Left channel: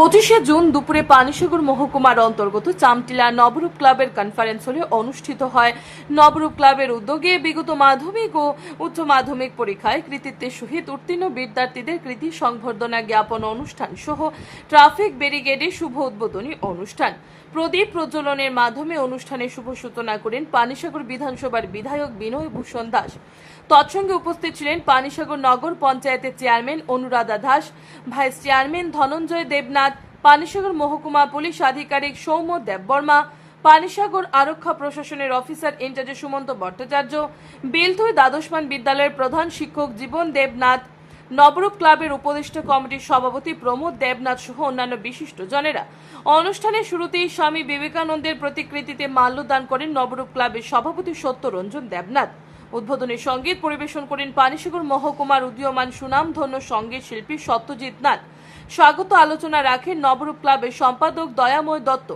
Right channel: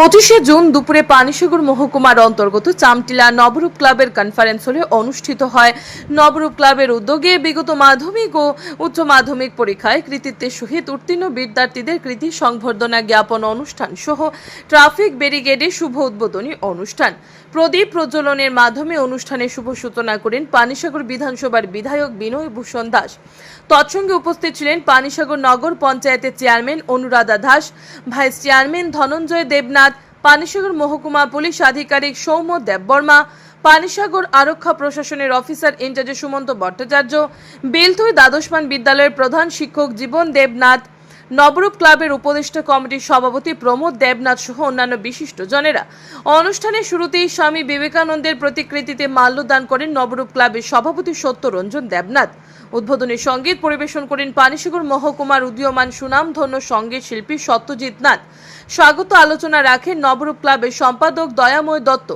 পঁচিশে জুন দুপুরে পানিসাগর মহকুমার অন্তর্গত চামটিলা নবরূপ ক্লাবের কনফারেন্স হলে অনুষ্ঠিত হয়। নবরূপ ক্লাবের উদ্যোগে বিগত মাধ্যমিক ও উচ্চ মাধ্যমিক পরীক্ষায় কৃতিত্বের সহিত উত্তীর্ণ বিদ্যার্থীদের কৃতি সংবর্ধনা জ্ঞাপন অনুষ্ঠান সহ ট্রাফিক ব্যারিকেডের শুভ উদ্বোধনী অনুষ্ঠান। প্রদীপ প্রজ্বলনের মাধ্যমে অনুষ্ঠানে শুভ সূচনা করেন পানিসাগর বিধানসভার বিধায়ক বিনয় ভূষণ দাস। তৎসঙ্গে উপস্থিত ছিলেন পানিসাগর নগর পঞ্চায়েতের chairman Anuradha Das, vice chairman Dhananjay Debnath Panisagar মহকুমা পুলিশ আধিকারিক সৌম্য দেববর্মা পানিসাগর আরক্ষা প্রশাসনের officer in charge Sumanta Bhattacharya Belthui দ্বাদশমান বিদ্যালয়ের প্রধান শিক্ষক জীবন দেবনাথ, নবরূপ ক্লাবের উপদেষ্টা কমিটির সভাপতি প্রমোদ দেবনাথ সহ অন্যান্য বিশিষ্ট জনেরা। অনুষ্ঠানের শুরুতেই স্বামী বিবেকানন্দের প্রতিকৃতিতে মাল্যদান করেন নবরূপ ক্লাবের সভাপতি সত্যরঞ্জন দেবনাথ। উদ্বোধনী সংগীত পরিবেশন করেন পানিসাগর মহকুমার উদীয়মান সুনামধন্য সংগীত শিল্পী সত্যজিৎ নাথ। স্বাগত আলোচনা রাখেন নবরূপ ক্লাবের সম্পাদক দয়াময় দত্ত।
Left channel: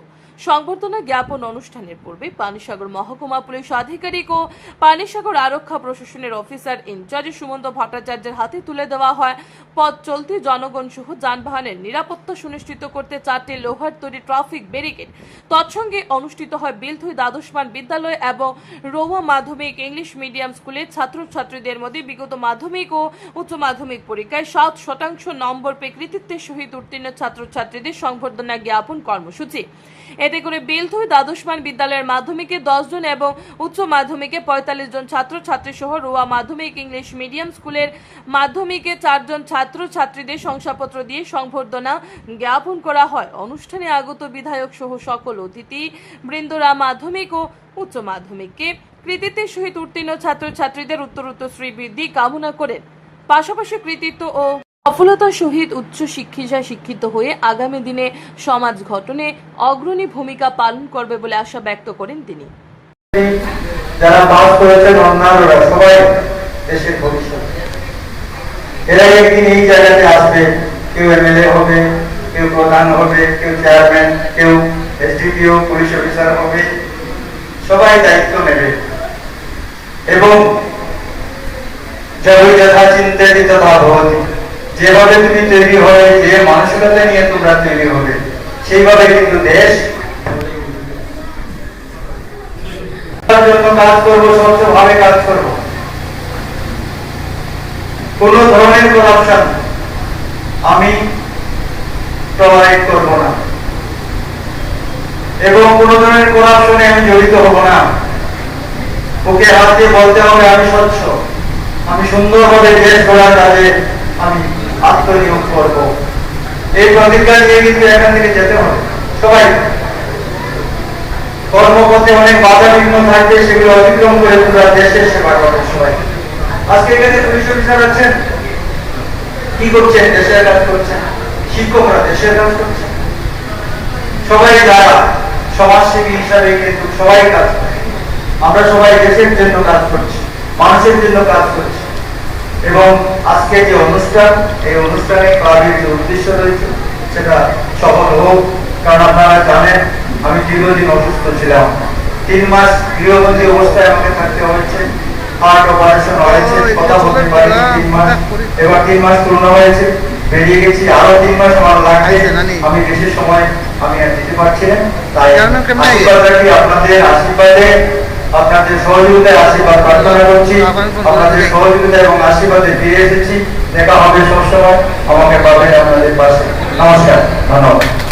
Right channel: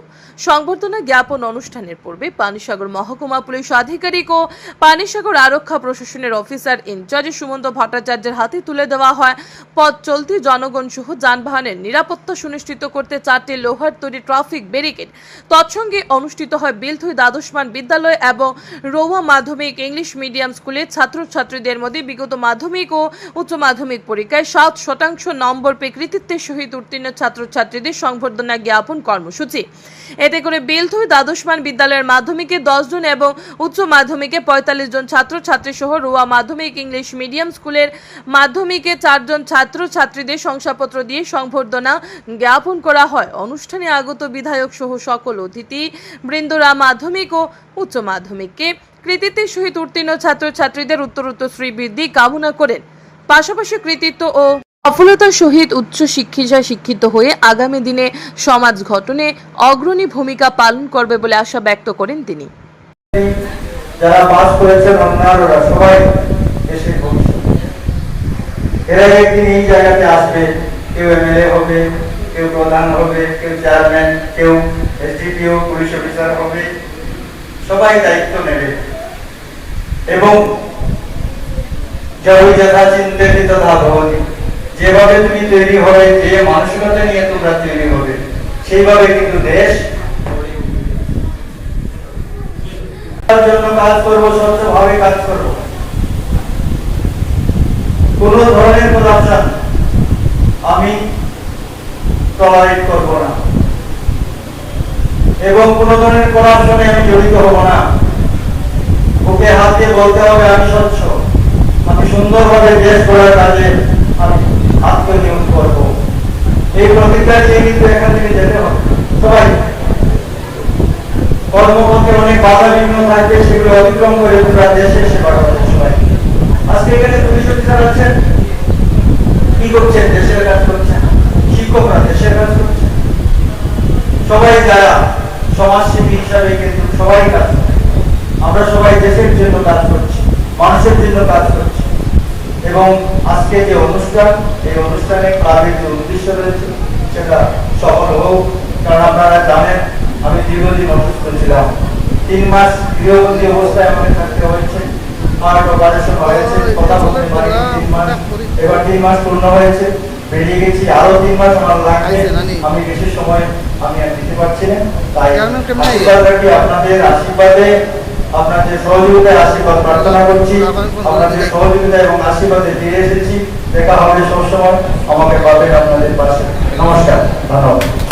সংবর্ধনা জ্ঞাপন অনুষ্ঠানের পূর্বে পানিসাগর মহকুমা পুলিশ আধিকারিক ও পানিসাগর আরক্ষা প্রশাসনের অফিসার ইনচার্জ সুমন্ত ভট্টাচার্যের হাতে তুলে দেওয়া হয়। পথ চলতি জনগণ সহ যানবাহনের নিরাপত্তা সুনিশ্চিত করতে চারটি লোহার তৈরি ট্রাফিক ব্যারিকেড, তৎসঙ্গে অনুষ্ঠিত হয় বিলথুই দ্বাদশমান বিদ্যালয় এবং রৌয়া মাধ্যমিক ইংলিশ মিডিয়াম স্কুলের ছাত্রছাত্রীদের মধ্যে বিগত মাধ্যমিক ও উচ্চ মাধ্যমিক পরীক্ষায় সাত শতাংশ নম্বর পেয়ে কৃতিত্বের সহিত উত্তীর্ণ ছাত্রছাত্রীদের সংবর্ধনা জ্ঞাপন কর্মসূচি। এতে করে বেলথুই দ্বাদশমান বিদ্যালয়ের মাধ্যমিকে জন এবং উচ্চ মাধ্যমিকে পঁয়তাল্লিশ জন ছাত্রছাত্রী সহ রোয়া মাধ্যমিক ইংলিশ মিডিয়াম স্কুলের মাধ্যমিকে চারজন ছাত্রছাত্রীদের শংসাপত্র দিয়ে সংবর্ধনা জ্ঞাপন করা হয়। অনুষ্ঠানে আগত বিধায়ক সহ সকল অতিথি বৃন্দরা মাধ্যমিক ও উচ্চ মাধ্যমিককে কৃতিত্বের সহিত উত্তীর্ণ ছাত্রছাত্রীদের উত্তরোত্তর শ্রীবৃদ্ধি কামনা করেন। পাশাপাশি কৃতিত্ব ও সফলতার সহিত উচ্চ শিক্ষিতায় শিক্ষিত হয়ে আগামী দিনে সমাজ গঠনে অগ্রণী ভূমিকা পালন করবে বলে আশা ব্যক্ত করেন তিনি। যারা পাস করেছেন অন্যান্যরা সবাই দেশের ভবিষ্যৎ। এরা একদিন এই জায়গাতে আসবে, কেউ এমএলএ হবে, কেউ প্রধান হবে, কেউ চেয়ারম্যান, কেউ এসডিপিও, পুলিশ অফিসার হবে, সবাই দায়িত্ব নেবে। এবং তথা ভবতি যেভাবে তুমি তৈরি হবে যে মানসিকতা নিয়ে তোমরা তৈরি হবে, সেইভাবে কিন্তু দেশ জন্য কাজ করব, স্বচ্ছভাবে কাজ করব। কোন ধরনের করাপশন আমি প্রভাবিত করব না। এবং কোন ধরনের করাপশনে আমি জড়িত হব না। ওকে হাত দিয়ে বলতে হবে, আমি স্বচ্ছ। আমি সুন্দরভাবে দেশ গড়ার কাজে আমি আত্মনিয়োগ করব। এই প্রতিজ্ঞা নিয়ে কিন্তু এখান থেকে যেতে হবে। সবাই, কর্মপথে অনেক বাধা বিঘ্ন থাকবে, সেগুলো অতিক্রম করে পুরো দেশের সেবা করবে সবাই। আজকে এখানে পুলিশ অফিসার আছেন। কি করছেন? দেশের কাজ করছেন? শিক্ষকরা দেশের কাজ করছেন? সবাই যারা সমাজসেবী হিসাবে কিন্তু সবাই কাজ করে আমরা সবাই দেশের জন্য কাজ করছি মানুষের জন্য কাজ করছি। এবং আজকে যে অনুষ্ঠান এই অনুষ্ঠানে ক্লাবের যে উদ্দেশ্য রয়েছে সেটা সফল হোক। কারণ আপনারা জানেন আমি দীর্ঘদিন অসুস্থ ছিলাম। তিন মাস গৃহবন্দী অবস্থায় আমাকে থাকতে হয়েছে। হার্ট অপারেশন হয়েছে কথা বলতে পারি তিন মাস। এবার তিন মাস পূর্ণ হয়েছে বেরিয়ে গেছি আরও তিন মাস আমার লাগবে। আমি বেশি সময় আমি আর দিতে পারছি না। তাই আপনাদের আশীর্বাদে আপনাদের সহযোগিতায় আশীর্বাদ প্রার্থনা করছি। আপনাদের সহযোগিতা এবং আশীর্বাদে ফিরে এসেছি। দেখা হবে সবসময়। আমাকে পাবেন আপনাদের পাশে। নমস্কার। ধন্যবাদ।